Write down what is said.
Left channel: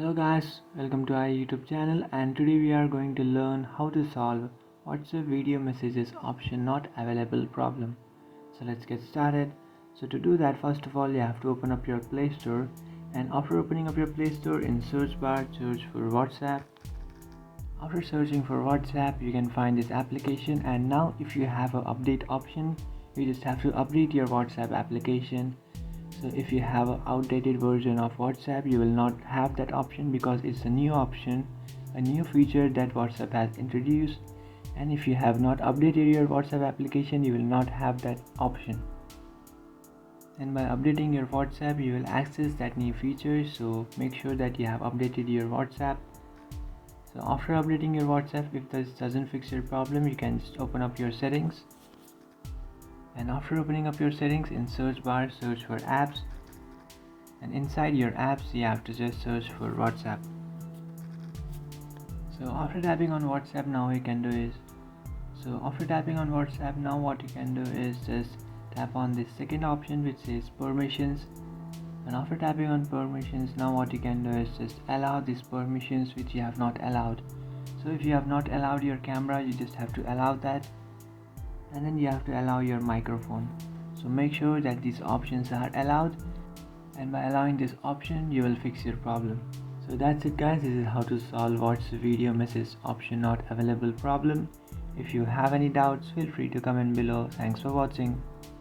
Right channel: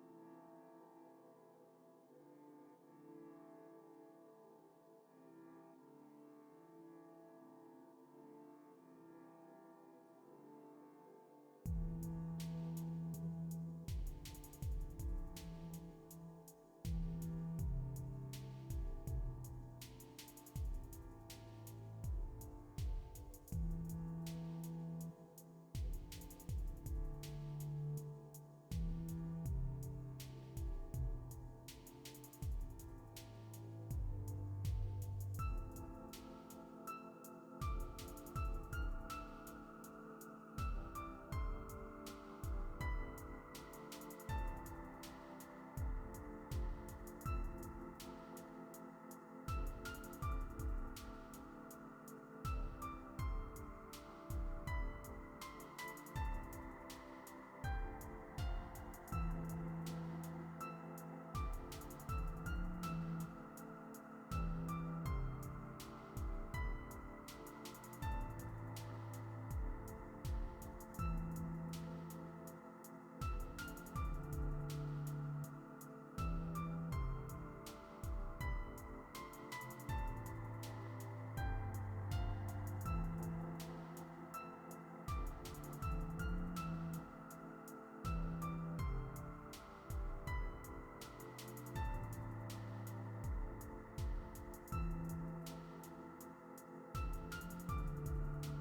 Hello guys, welcome to our YouTube channel, and today we are going to learn how to solve WhatsApp video messages option not available problem. So let's get started. So to do that, first of all you have to open up your Play Store, and after opening up your Play Store, in search bar search for WhatsApp. After searching for WhatsApp, you can find this application, and now if you have an update option, you just have to update your WhatsApp application. So if you have an outdated version of WhatsApp, you will not have that option because it's a new option, a new feature that WhatsApp has introduced. And if you have not updated your WhatsApp application, you will not have that option. And by updating your WhatsApp, you will access that new feature. So make sure that you have updated your WhatsApp. So after updating your WhatsApp, if this doesn't fix your problem, you can just open up your settings. And after opening up your settings, in search bar search for apps, and inside your apps you have to just search for WhatsApp. So after tapping on WhatsApp, now what you can do is just tap on this second option which says permissions. And after tapping on permissions, now what you can do is just allow these permissions which you have not allowed. So if you have not allowed your camera, you just have to allow that, and then you have to allow your microphone. So make sure that these options are allowed, and by allowing this option you will fix your problem. So that's it guys, this is how to solve WhatsApp video message option not available problem. If you have any doubts, feel free to comment below. Thanks for watching.